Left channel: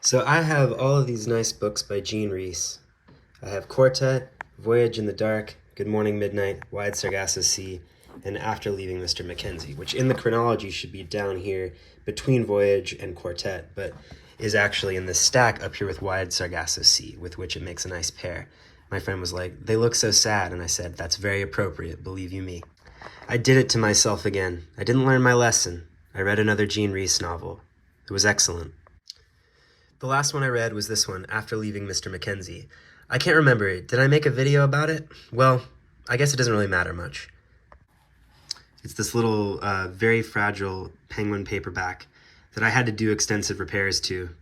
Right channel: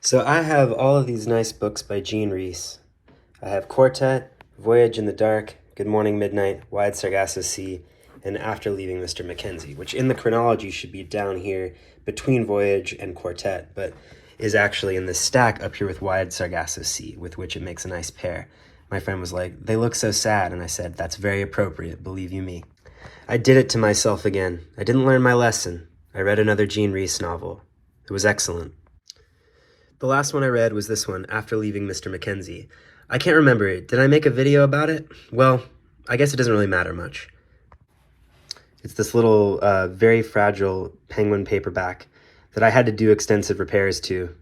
So I have all of these nice books by Jean Rhys. I have Quartet, Voyage in the Dark, Good Morning Midnight, Wide Sargasso Sea, and After Leaving Mr. Mackenzie, which in the chronology should be down here between Voyage and Quartet, but is actually in the stack up here with Wide Sargasso Sea, with which it makes a nice pair. My friend was like, "They look so sad," and I said, "That's very appropriate, believe you me." I did it to myself again. I didn't learn my lesson. I read another Jean Rhys novel. It was excellent. The last one I read was this one, After Leaving Mr. Mackenzie. I can't remember it. Did I make a video about it? Well, I guess it doesn't really matter much. It's this little, very fragile penguin paperback that I had to do extensive repairs to.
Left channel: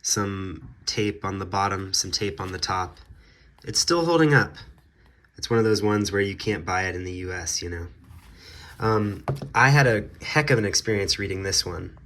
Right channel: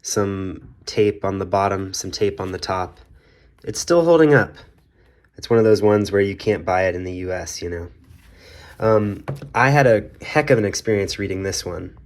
Some tape on the bottom, some tape on the top. It's still holding up. It's one of those ones where you can't buy it in the US, you know. I had a heck of an experience reading this one.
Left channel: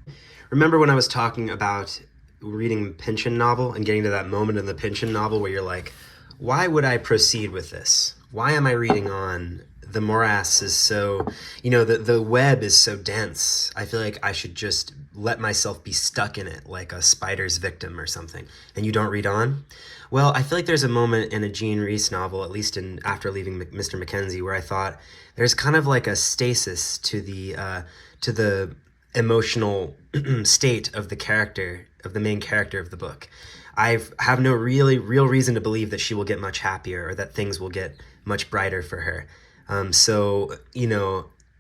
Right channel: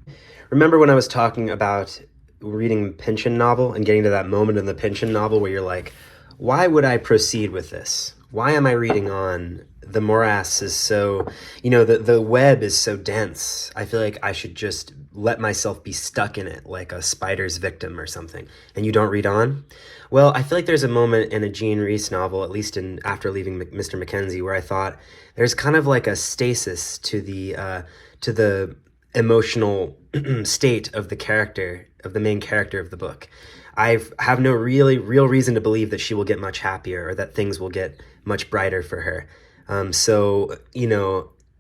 Remember when I was talking about reading Pynchon novel and getting to that moment in the Pynchon novel where you're like, why would I proceed with this? Why am I reading on? The morass is so, the web is so dense. I feel like I should just let myself be stuck in it like a spider's victim or something. And you don't read on? Well, I feel like there's a moment in a Jean Rhys novel, at least in After Leaving Mr. Mackenzie, where I thought there's kind of like a stasis to the emotional state of the character, of the main character of the book. I have no real reason to believe that she will get much happier or that things will get much brighter for her. So,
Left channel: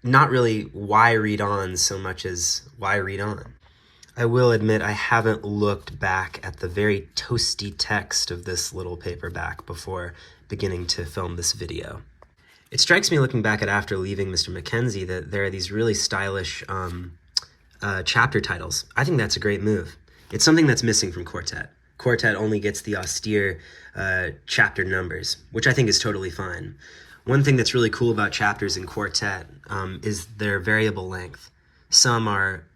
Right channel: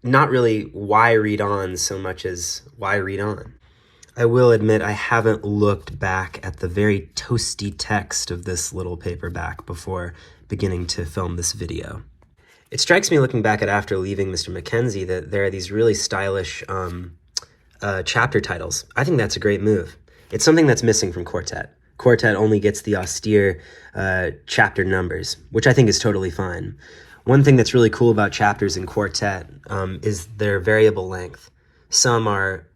not really why read on so much as why read on. I will admit I haven't looked back at the very toasty text of this little paperback before beginning to film this video. It strikes me looking back at After Leaving Mr. Mackenzie that there are these really stylish chapter titles. I think that's a great move. It's something that's missing from Quartet. Quartet only gets the austere chapter numbers, which I think is totally fine. One thing that's really cool about chapters in Quartet is their variable length. Some are,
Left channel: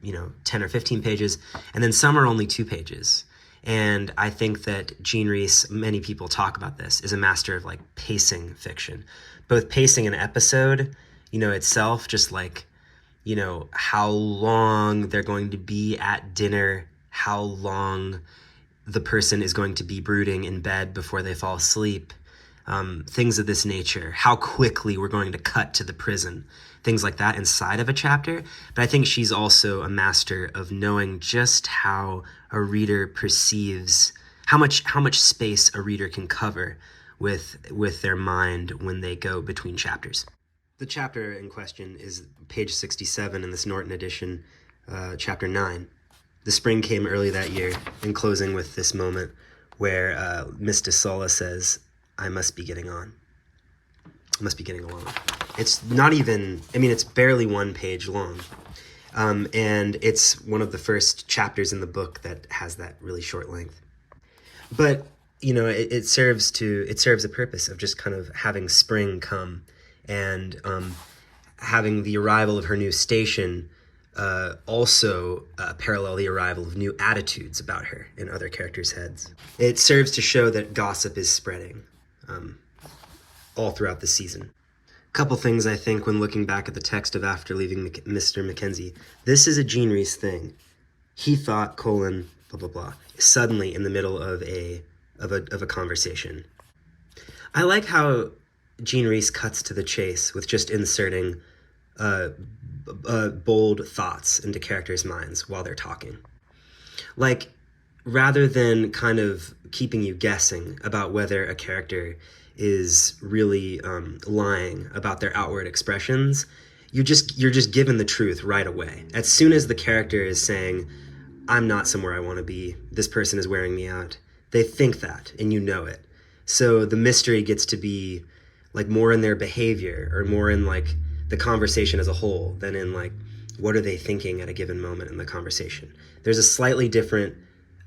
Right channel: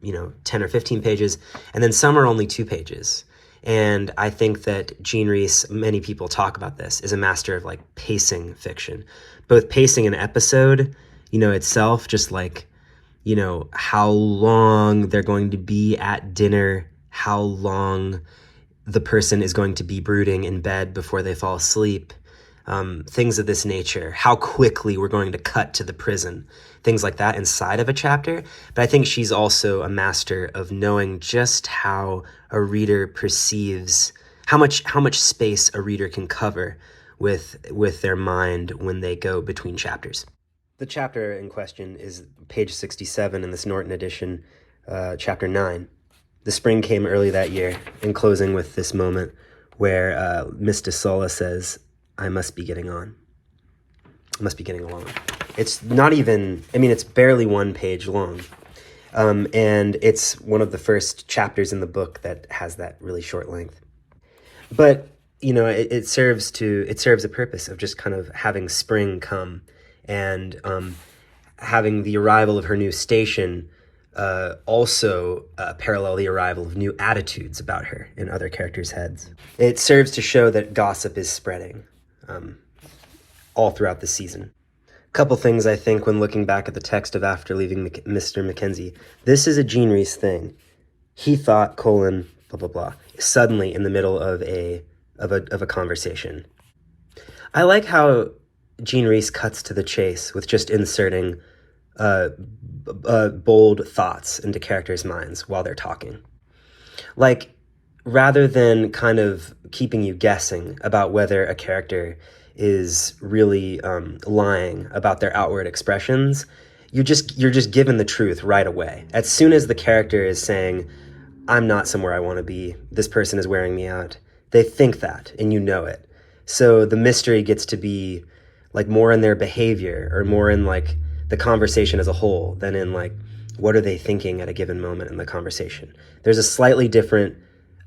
10 or 15 pages, and then some are only 2 pages. And I think that Jean Rhys, many people talk about this, is a master of like pacing fiction. Both pacing an episode, itself, just like, how long they're going to be at dinner, how long the person is going to be brooding in bed before they fall asleep, things of this nature, how quickly we're going to cut to the prison, things like that inside of a chapter. But I think she's also a master of knowing just how a reader perceives, how much space a reader can cover with their mind when they go between chapters. The chapter in question is page 67 in this Norton edition, chapter 9. The spring came early that year, and closing with this moment where Miss de Sola says, "I must be getting on. I must be getting along." It's not even, it's barely 1 page long. And it's one of the first chapters in the book that has that really short length. But, it serves a purpose of just kind of having spring come and having the arrival of her new station also parallel the arrival of new attitudes about her in other characters' heads. It serves to show that gossip is spreading all throughout the season. A couple things I think when looking back at the text of After Leaving Mr. Mackenzie. This is a Jean Rhys thing. He thought, blah, blah, blah, suddenly in the middle of a conversation. I like how Jean Rhys cuts to the chase with just inserting bold thoughts into characters' minds while they're talking. Like, rather than kind of keeping you guessing about whether a character is really lying about their outward expressions, you're just given the truth right away. As soon as the character is saying, "I'm not somewhere I want to be, this person is wearing me out," they think that, and you know it. So the mystery gets to be like more in their behavior or more in like the conversation as a whole than in like what are they thinking at a given moment in the conversation. There's a slightly different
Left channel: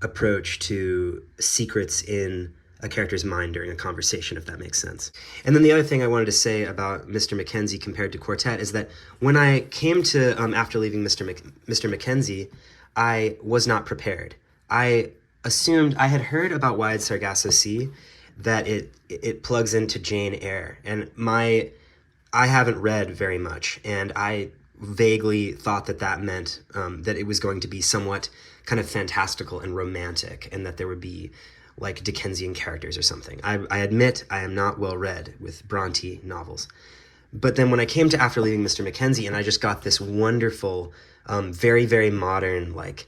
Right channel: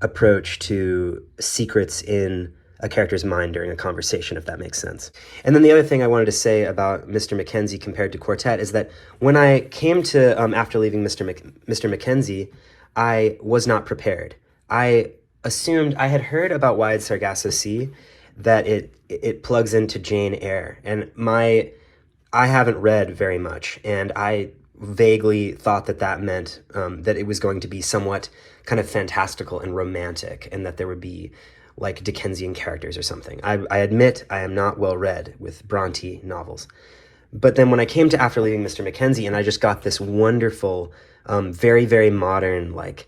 approach to secrets in a character's mind during a conversation, if that makes sense. And then the other thing I wanted to say about Mr. Mackenzie compared to Quartet is that when I came to After Leaving Mr. Mackenzie, I was not prepared. I assumed I had heard about Wide Sargasso Sea, that it plugs into Jane Eyre, and I haven't read very much, and I vaguely thought that meant that it was going to be somewhat kind of fantastical and romantic, and that there would be like Dickensian characters or something. I admit I am not well read with Bronte novels. But then when I came to After Leaving Mr. Mackenzie, and I just got this wonderful, very, very modern, like,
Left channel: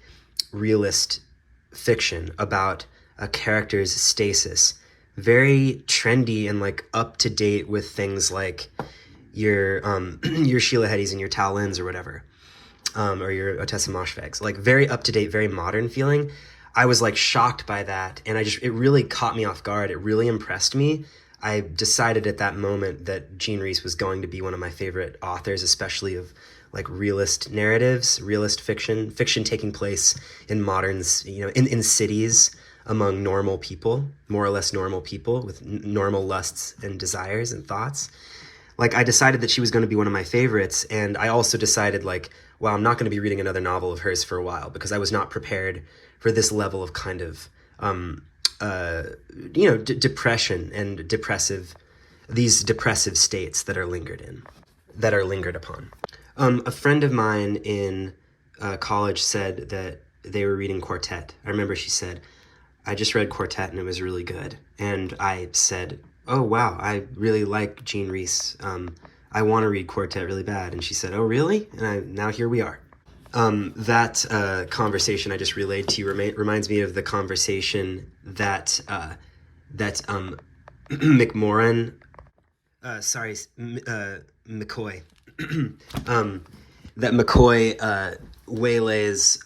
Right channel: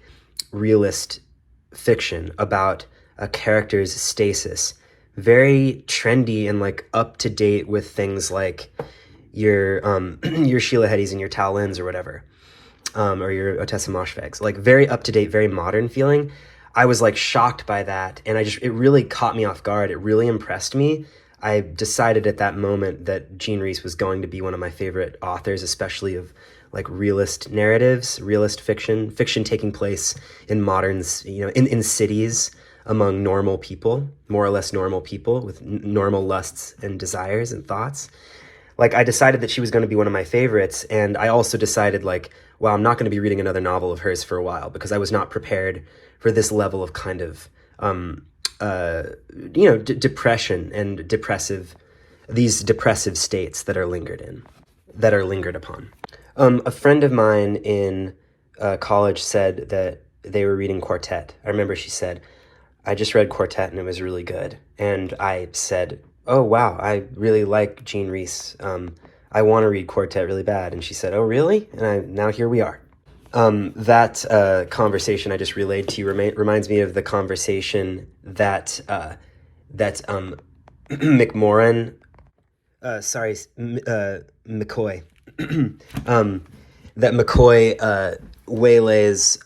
realist fiction about a character's stasis, very trendy and, like, up-to-date with things like your your Sheila Headies and your Tal Lins or whatever, or your Otessa Moshfeghs, like, very up-to-date, very modern feeling. I was, like, shocked by that, and it really caught me off guard. It really impressed me. I decided at that moment that Jean Rhys was going to be one of my favorite authors, especially of like realist narratives, realist fiction taking place in moderns, in cities among normal people, more or less normal people with normal lusts and desires and thoughts. Like, I decided that she was going to be one of my favorites, and I also decided, like, well, I'm not going to be reading another novel of hers for a while because I was not prepared for this level of kind of depression and these depressive states that are lingered upon. A friend of mine in college said that they were reading Quartet. I remember she said, I just read Quartet and it was really good. And I said, oh, wow, I really like Jean Rhys. I want to read Quartet really bad. And she said, oh, really? And now here we are. That conversation I just relayed to you reminds me of the conversation that McMoran, McCoy, that McCoy waylays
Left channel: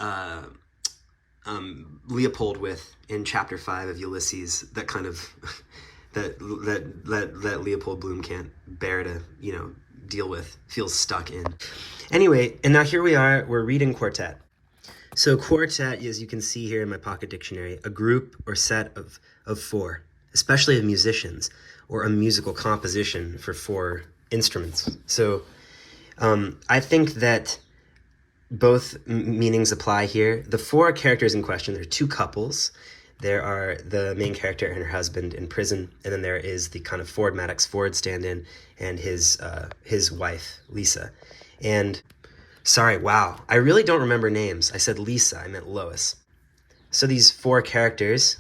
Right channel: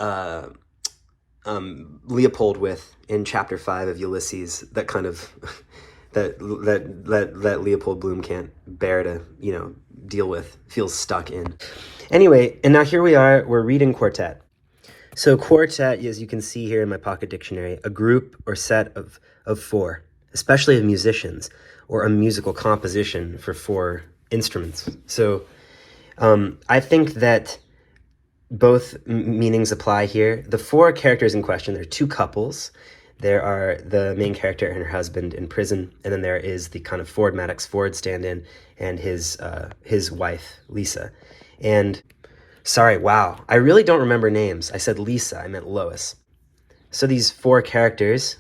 Leopold with in chapter 5 of Ulysses. That kind of that Leopold Bloom can't bear to deal with, feels stuck in. Anyway, and now here we are, we're reading Quartet. So quartet, as you can see here in my pocket dictionary, a group or set of four, especially of musicians, or a musical composition for four instruments. So I think that both meanings apply here. The four characters in question, there are two couples. There are the main character and her husband in prison, and then there is the kind of Ford Maddox Ford stand-in and his wife, Lisa. And, sorry, wow, I really don't remember names. I said Lisa, I meant Lois. So these four characters,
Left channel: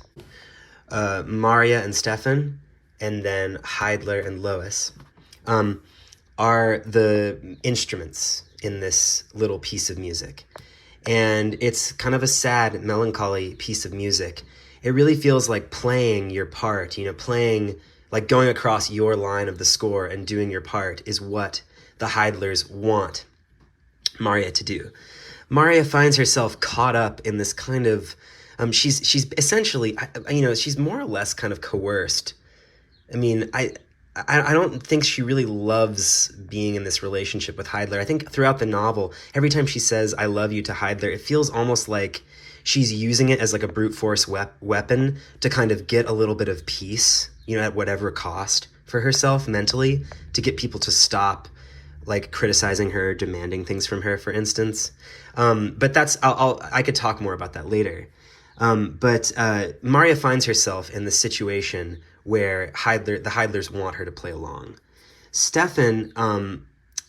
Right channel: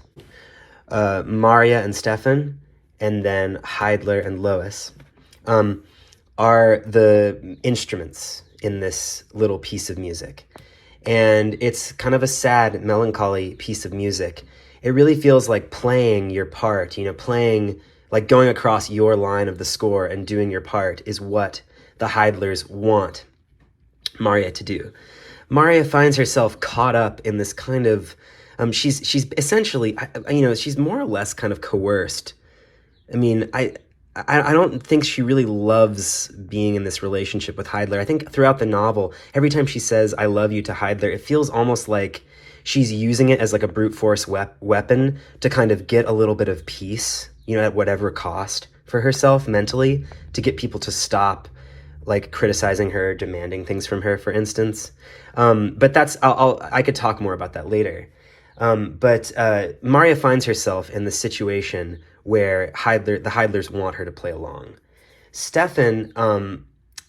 Maria and Stefan, and then Heidler and Lois, are the instruments in this little piece of music. And it's kind of a sad, melancholy piece of music. It really feels like playing your part, playing, like going across your line of the score and doing your part is what the Heidlers want Maria to do. Maria finds herself caught up in this kind of, she's essentially, she's more or less kind of coerced. I mean, I don't think she really loves being in this relationship with Heidler. I think throughout the novel, every time she says, I love you to Heidler, it feels almost like she's using it as like a brute force weapon to kind of get a little bit of peace, at whatever cost for herself mentally, to get people to stop like criticizing her, demanding things from her, for instance. But I could talk more about that later. But Maria finds herself in the situation where the Heidlers want her to play along. Stefan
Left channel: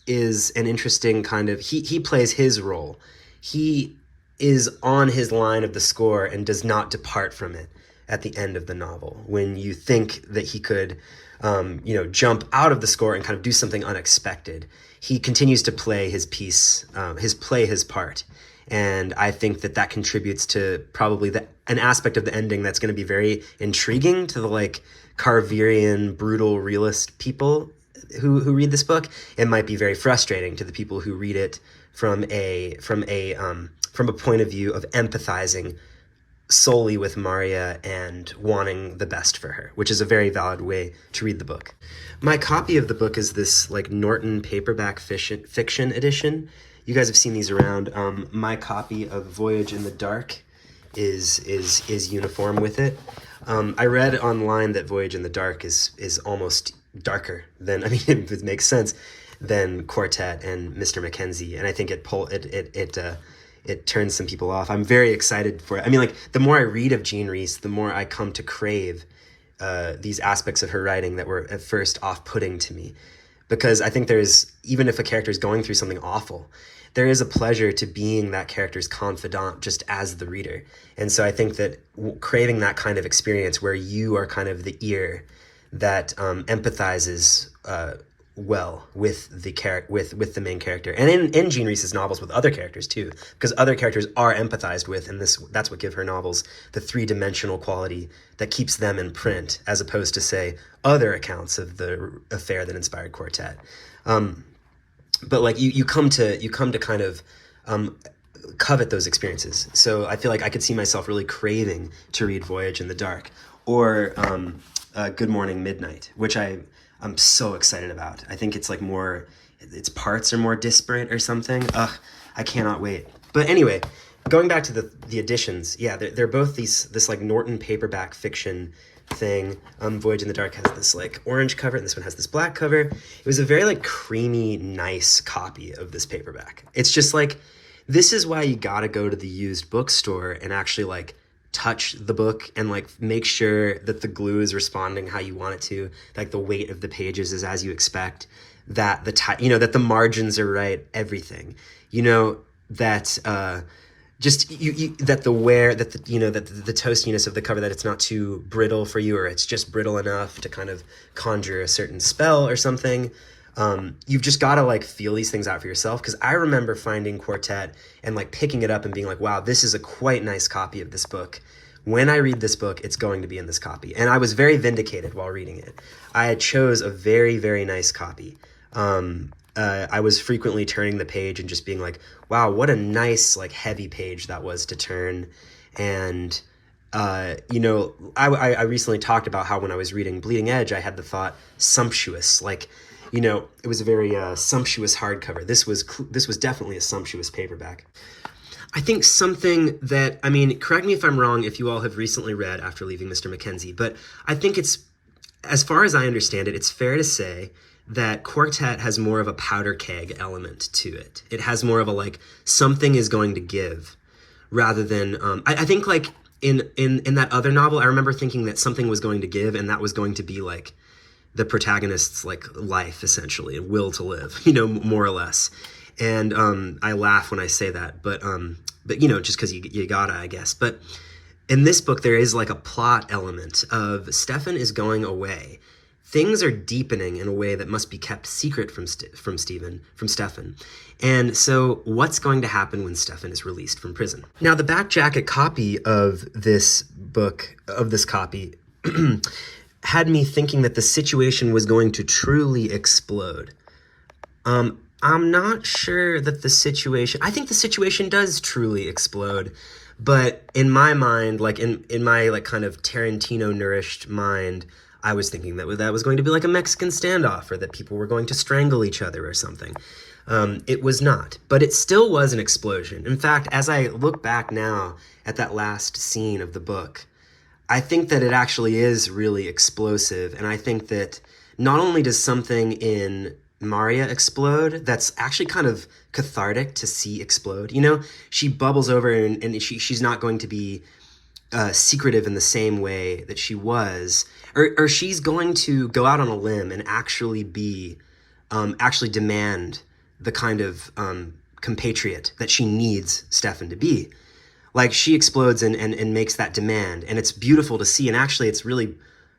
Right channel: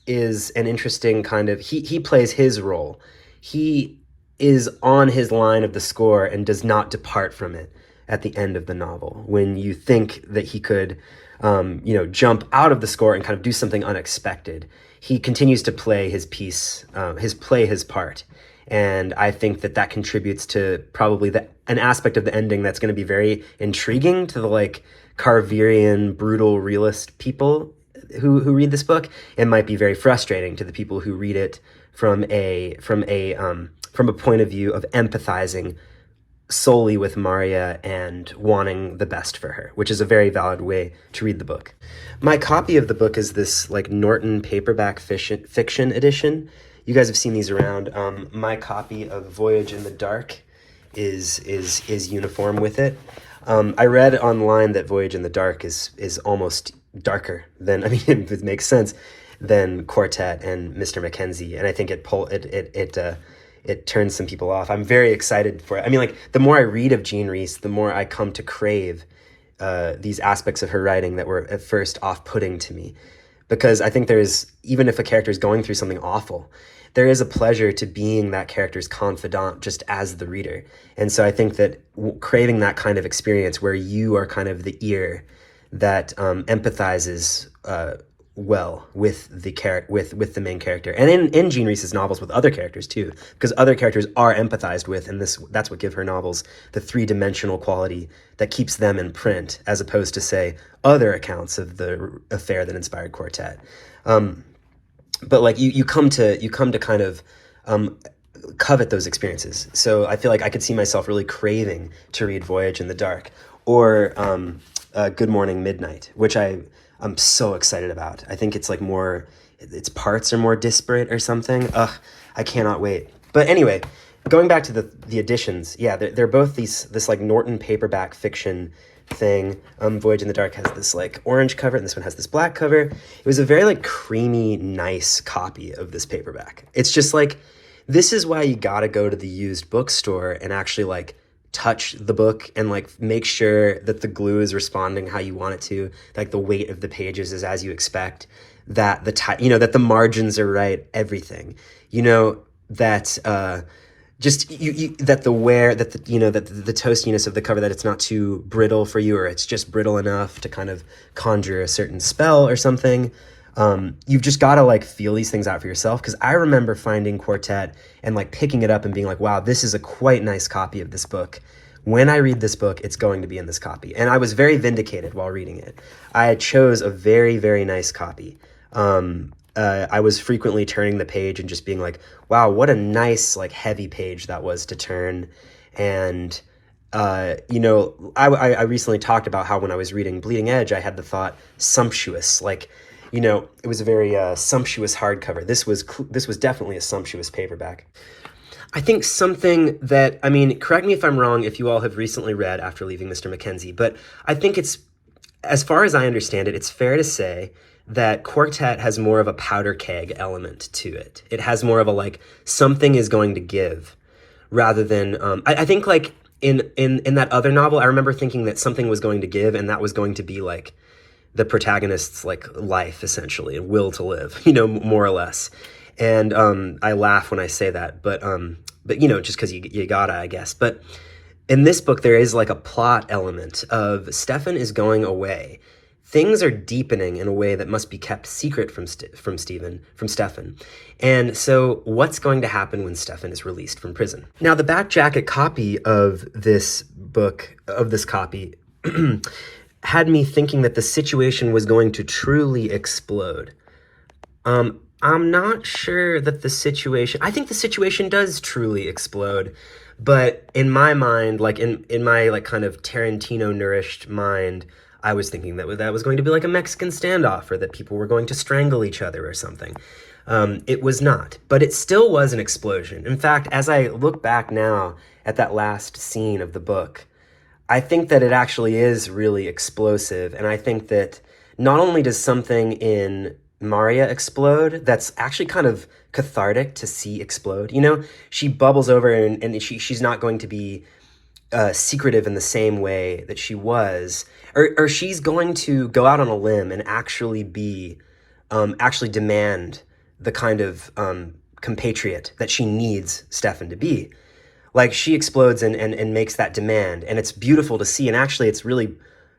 is an interesting kind of, he plays his role. He is on his line of the score and does not depart from it at the end of the novel, when you think that he could jump out of the score and kind of do something unexpected. He continues to play his piece, his part. And I think that contributes to probably an aspect of the ending that's going to be very intriguing to the like Carverian, brutal realist people who read this book. It might be very frustrating to the people who read it from a point of view of empathizing solely with Maria and wanting the best for her, which is a very valid way to read the book. My copy of the book is this like Norton paperback fiction edition. You guys have seen these around. My copy of Voyage in the Dark is uniform with it. I read online that Voyage in the Dark is almost darker than, I mean, it makes sense, than Quartet and Mr. Mackenzie, and I think it turns some people off. I'm very excited for it. I mean, like, the more I read of Jean Rhys, the more I come to crave these aspects of her writing that were at first off-putting to me. Because I think even if a character is going through something awful, there is a pleasure to being that character's confidant just as the reader. And so I think that craving that kind of experience where you are kind of the ear that empathizes well with the with the main character, and in Jean Rhys's novels with other characters too, because other characters are empathized with, and that's what give her novels the three-dimensional quality that keeps them in print, as opposed to, say, other accounts of the affair that inspired Quartet. But like you come to kind of covet those experiences. So I feel like I could see myself really craving to read Voyage in the Dark, or Good Morning Midnight, which I'm so excited about. I think it's like its parts are more disparate or something. I cannot wait. But anyway, going back to the editions, yeah, they're both this like Norton paperback fiction thing. Voyage in the Dark has this like orange cover, and this one has this black cover. It was a very like creamy, nice copy of this paperback. It's just like, this is why you gotta go to the used bookstore and actually like touch the book and like make sure that the glue is responding how you want it to, like the weight of the pages is as you expect, that that the margins are right, everything, that that the toastiness of the cover, that it's not too brittle for you, or it's just brittle enough to kind of conjure a certain spell or something. You've just got to like feel these things out for yourself. Because I remember finding Quartet and like picking it up and being like, wow, this is a quite nice copy of this book. When I read this book, it's going to be in this copy. And I was very vindicated while reading it. I chose a very, very nice copy. I was frequently turning the page and just being like, wow, what a nice, like, heavy page that was to turn. And, I recently talked about how when I was reading Bleeding Edge, I had the thought sumptuous, like, it was a very sumptuous hardcover. This was definitely a sumptuous paperback. I think something that, correct me if I'm wrong if you all have recently read After Leaving Mr. Mackenzie, but I think it's, as far as I understand it, it's fair to say that Quartet has more of a powder keg element to it. It has more of a, like, something is going to give, rather than, I think, like, in that other novel, I remember thinking that something was going to give, and that was going to be, like, the protagonist's, like, life, essentially, and will to live, more or less. And I laugh when I say that, but just because you gotta, I guess. But in this book, there is, like, a plot element of Stefan is going away. Things are deepening in a way that must be kept secret from Stefan. And so what's going to happen when Stefan is released from prison? Now, the back jacket copy of this copy, had me thinking that the situation was going to truly explode. I'm not sure that I think the situation does truly explode, but in my mind, like in my like kind of Tarantino nourished mind, I was thinking that was going to be like a Mexican standoff, or that people were going to strangle each other or something. It was not, but it still was an explosion. In fact, as I look back now at that last scene of the book, I think that it actually is really explosive. And I think that not only does something in Maria explode, that's actually kind of cathartic to see explode. She bubbles over, and she's not going to be secretive in the same way that she was. Or she's going to go out on a limb and actually demand the kind of compatriot that she needs Stefan to be. Like, she explodes and makes that demand, and it's beautiful to see, and actually it's really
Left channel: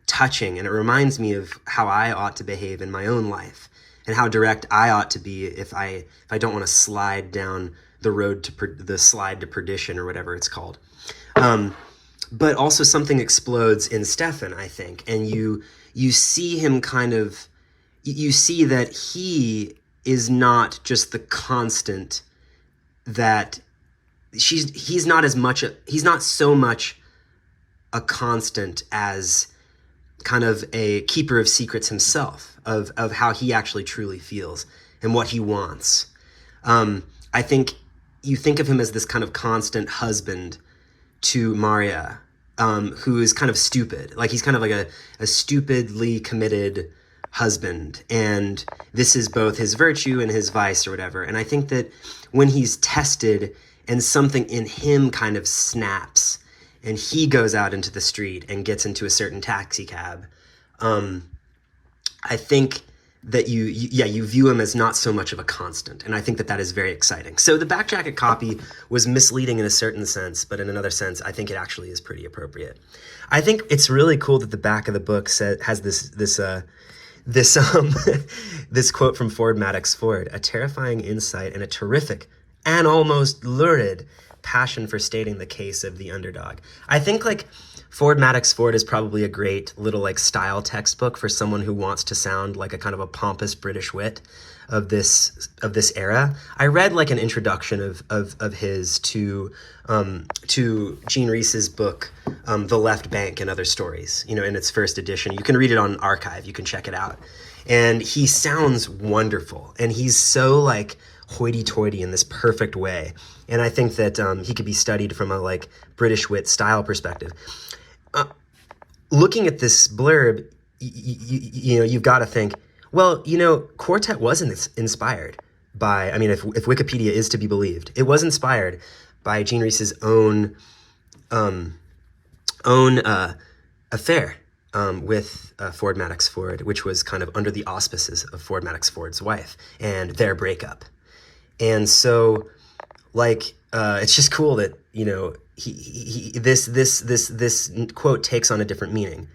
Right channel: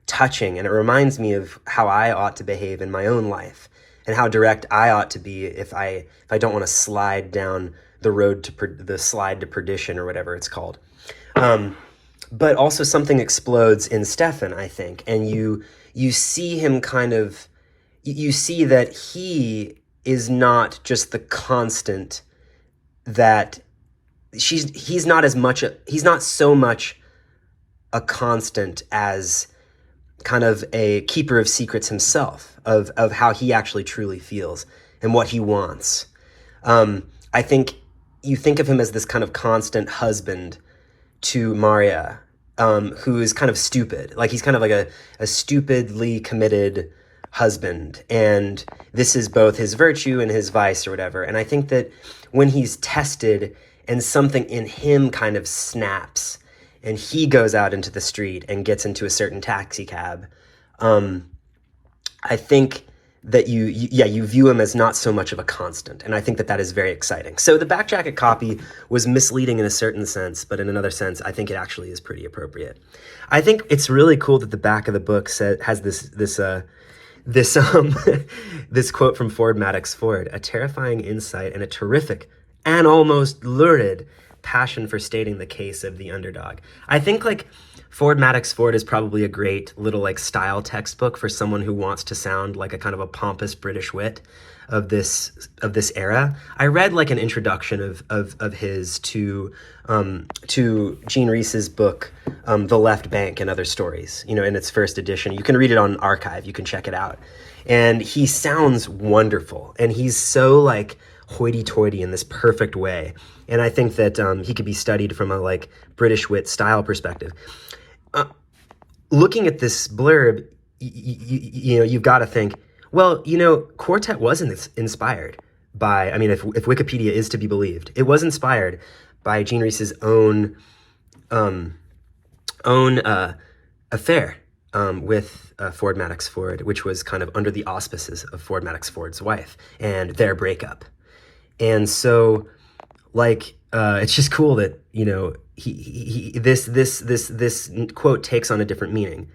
touching, and it reminds me of how I ought to behave in my own life, and how direct I ought to be if I don't want to slide down the road to the slide to perdition, or whatever it's called. But also something explodes in Stefan, I think, and you see him you see that he is not just the constant that he's not so much a constant as kind of a keeper of secrets himself, of how he actually truly feels and what he wants. I think you think of him as this kind of constant husband to Maria, who is kind of stupid. Like, he's kind of like a stupidly committed husband. And this is both his virtue and his vice, or whatever. And I think that when he's tested and something in him kind of snaps, and he goes out into the street and gets into a certain taxi cab, I think you view him as not so much of a constant, and I think that that is very exciting. So the back jacket copy was misleading in a certain sense, but in another sense, I think it actually is pretty appropriate. I think it's really cool that the back of the book has this this quote from Ford Madox Ford: "A terrifying insight and a terrific and almost lurid passion for stating the case of the underdog." I think like Ford Madox Ford is probably a great little like style textbook for someone who wants to sound like a kind of a pompous British wit of this era. I read like an introduction of his to Jean Rhys's book, The Left Bank and Other Stories, you know, in its first edition. You can read it on Archive, you can check it out. And he sounds wonderful, and he's so like hoity-toity in this perfect way. And I think that he could be studied from a like British wit style perspective. Looking at this blurb, you know, you've got to think, well, you know, Quartet wasn't inspired by, I mean, if Wikipedia is to be believed, it was inspired by Jean Rhys's own affair with Ford Madox Ford, which was kind of under the auspices of Ford Madox Ford's wife and their breakup. And so, like, it's just cool that, you know, this quote takes on a different meaning.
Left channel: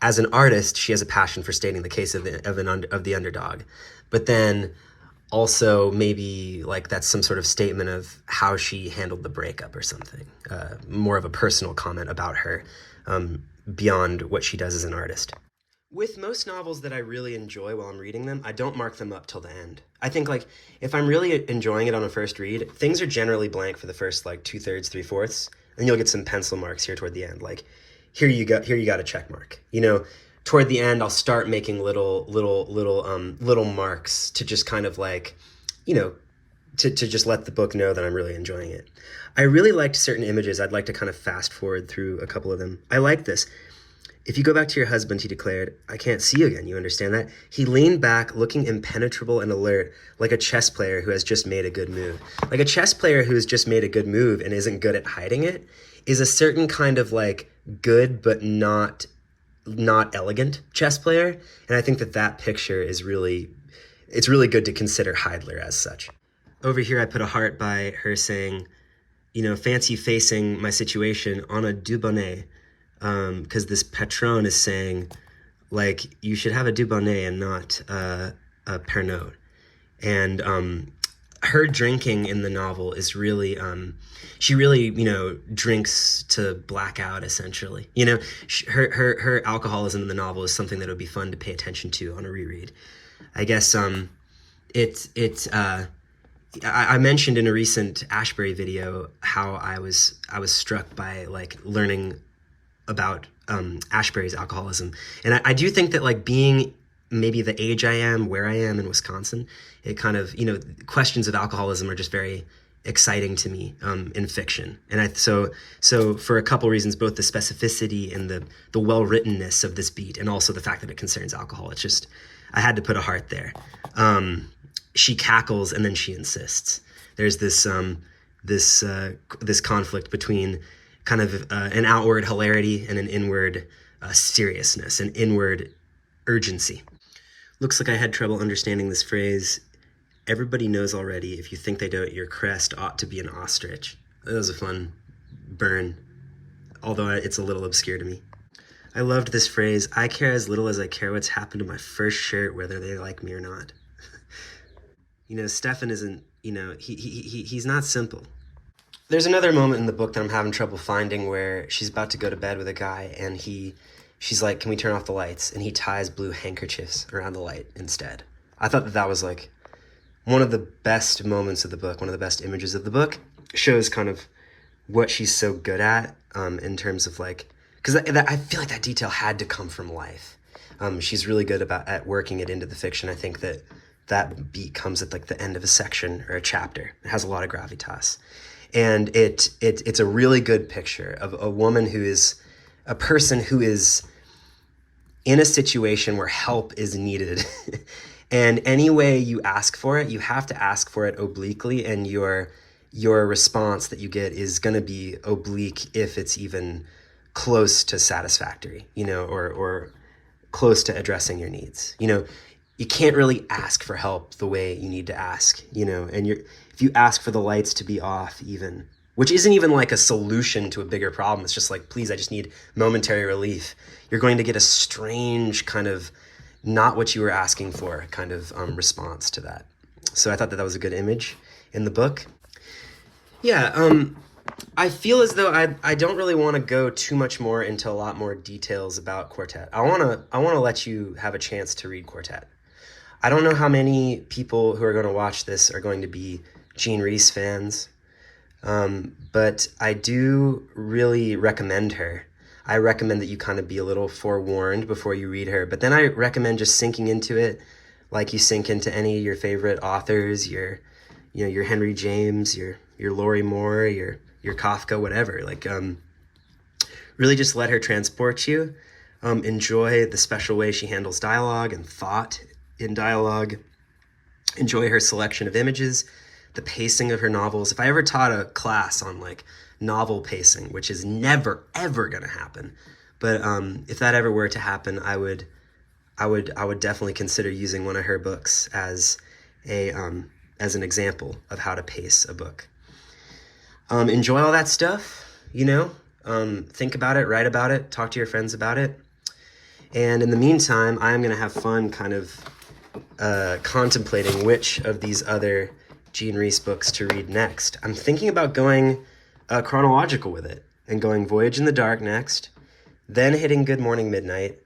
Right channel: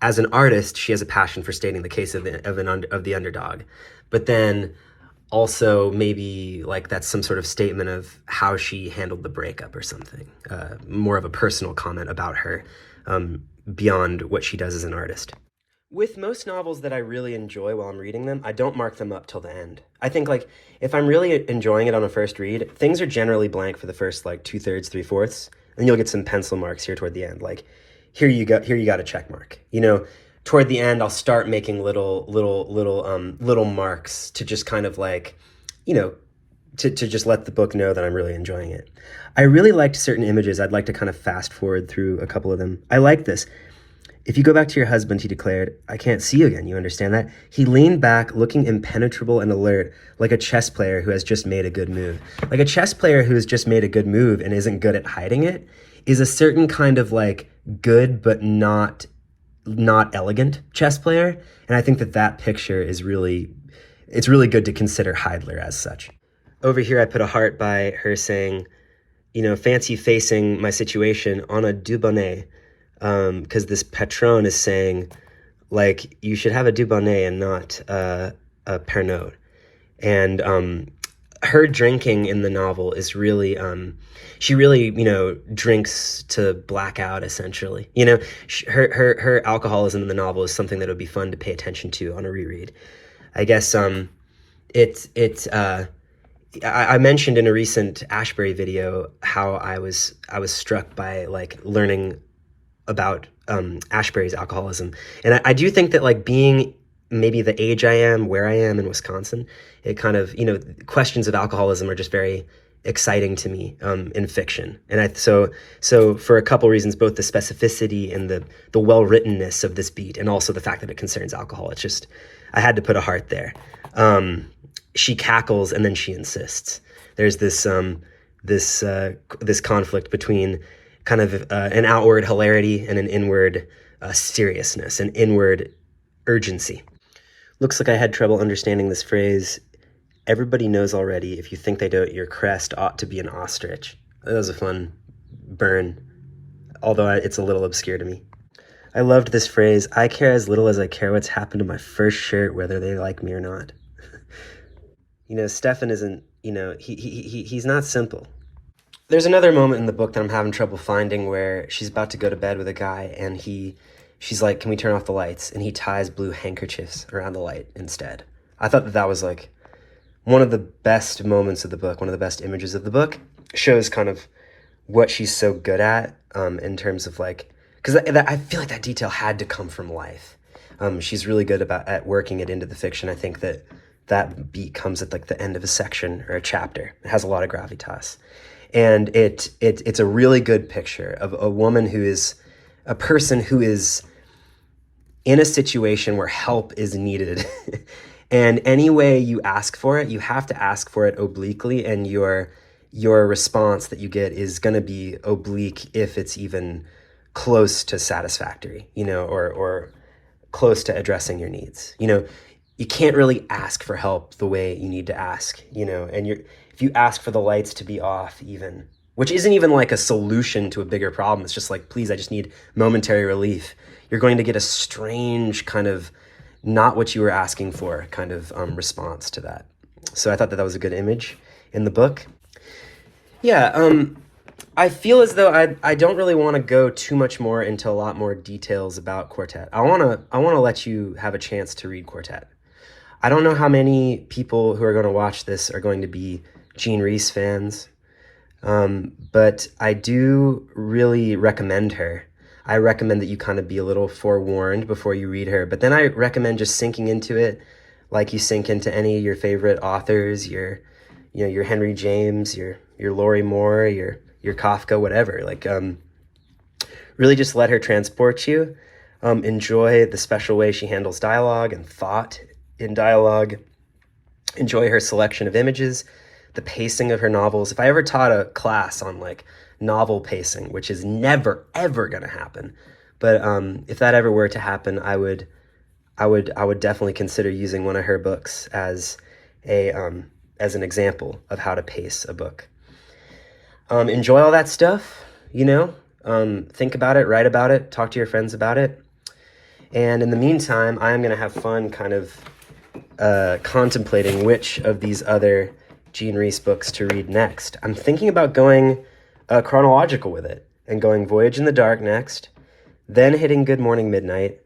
As an artist, she has a passion for stating the case of the underdog, but then also maybe like that's some sort of statement of how she handled the breakup or something, more of a personal comment about her, beyond what she does as an artist. With most novels that I really enjoy while I'm reading them, I don't mark them up till the end. I think like if I'm really enjoying it on a first read, things are generally blank for the first like 2/3, 3/4, and you'll get some pencil marks here toward the end. Like here you got a check mark. You know, toward the end I'll start making little marks to just kind of like, you know, to just let the book know that I'm really enjoying it. I really liked certain images. I'd like to kind of fast forward through a couple of them. I like this. "If you go back to your husband," he declared, "I can't see you again. You understand that?" He leaned back, looking impenetrable and alert, like a chess player who has just made a good move. Like a chess player who has just made a good move and isn't good at hiding it is a certain kind of like good but not elegant chess player. And I think that picture is it's really good to consider Heidler as such. Over here I put a heart by her saying, you know, "Fancy facing my situation on a Dubonnet." Because this patron is saying, like, you should have a Dubonnet and not a Pernod. And her drinking in the novel is really, she really, you know, drinks to black out, essentially. You know, her alcoholism in the novel is something that would be fun to pay attention to on a reread. I guess I mentioned in a recent Ashbury video how I was struck by like learning about Ashbury's alcoholism. And I do think that like being maybe the age I am, where I am in Wisconsin, it kind of, you know, questions of alcoholism are just very exciting to me in fiction. And so for a couple reasons, both the specificity and the well-writtenness of this beat, and also the fact that it concerns alcohol, it's just, I had to put a heart there. She cackles and then she insists. There's this conflict between kind of an outward hilarity and an inward seriousness, an inward urgency. Looks like I had trouble understanding this phrase. "Everybody knows already. If you think they don't, your crest ought to be an ostrich." That was a fun burn, although it's a little obscure to me. I loved this phrase. "I care as little as I care what's happened to my first shirt, whether they like me or not." You know, Stefan isn't, you know, he's not simple. There's another moment in the book that I'm having trouble finding where she's about to go to bed with a guy and she's like, "Can we turn off the lights?" And he ties blue handkerchiefs around the light instead. I thought that was like one of the best moments of the book, one of the best images of the book. Shows kind of what she's so good at in terms of like, because I feel like that detail had to come from life. She's really good at working it into the fiction. I think that beat comes at like the end of a section or a chapter. It has a lot of gravitas. And it's a really good picture of a woman who is a person who is in a situation where help is needed. And any way you ask for it, you have to ask for it obliquely, and your response that you get is going to be oblique if it's even close to satisfactory, you know, or close to addressing your needs. You know, you can't really ask for help the way you need to ask, and if you ask for the lights to be off even, which isn't even like a solution to a bigger problem, it's just like, please, I just need momentary relief, you're going to get a strange kind of not what you were asking for kind of response to that. So I thought that was a good image in the book. Yeah, I feel as though I don't really want to go too much more into a lot more details about Quartet. I want to let you have a chance to read Quartet. I don't know how many people who are going to watch this are going to be Jean Rhys fans, but I do really recommend her. I recommend that you kind of be a little forewarned before you read her, but then I recommend just sinking into it like you sink into any of your favorite authors, your Henry James, your Lori Moore, your Kafka, whatever. Like, really just let her transport you. Enjoy the special way she handles dialogue and thought in dialogue. Enjoy her selection of images, the pacing of her novels. If I ever taught a class on like novel pacing, which is never ever gonna happen, but if that ever were to happen, I would definitely consider using one of her books as an example of how to pace a book. Enjoy all that stuff, think about it, write about it, talk to your friends about it. And in the meantime, I'm going to have fun kind of contemplating which of these other Jean Rhys books to read next. I'm thinking about going chronological with it and going Voyage in the Dark next, then hitting Good Morning Midnight,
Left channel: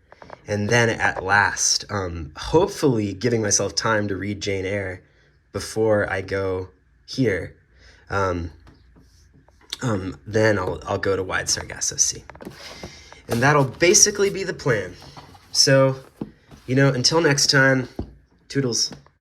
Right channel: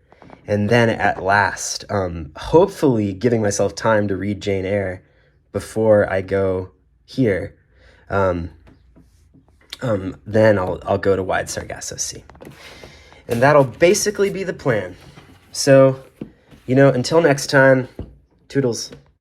and then at last, hopefully giving myself time to read Jane Eyre before I go here. Then I'll go to Wide Sargasso Sea. And that'll basically be the plan. So, until next time, toodles.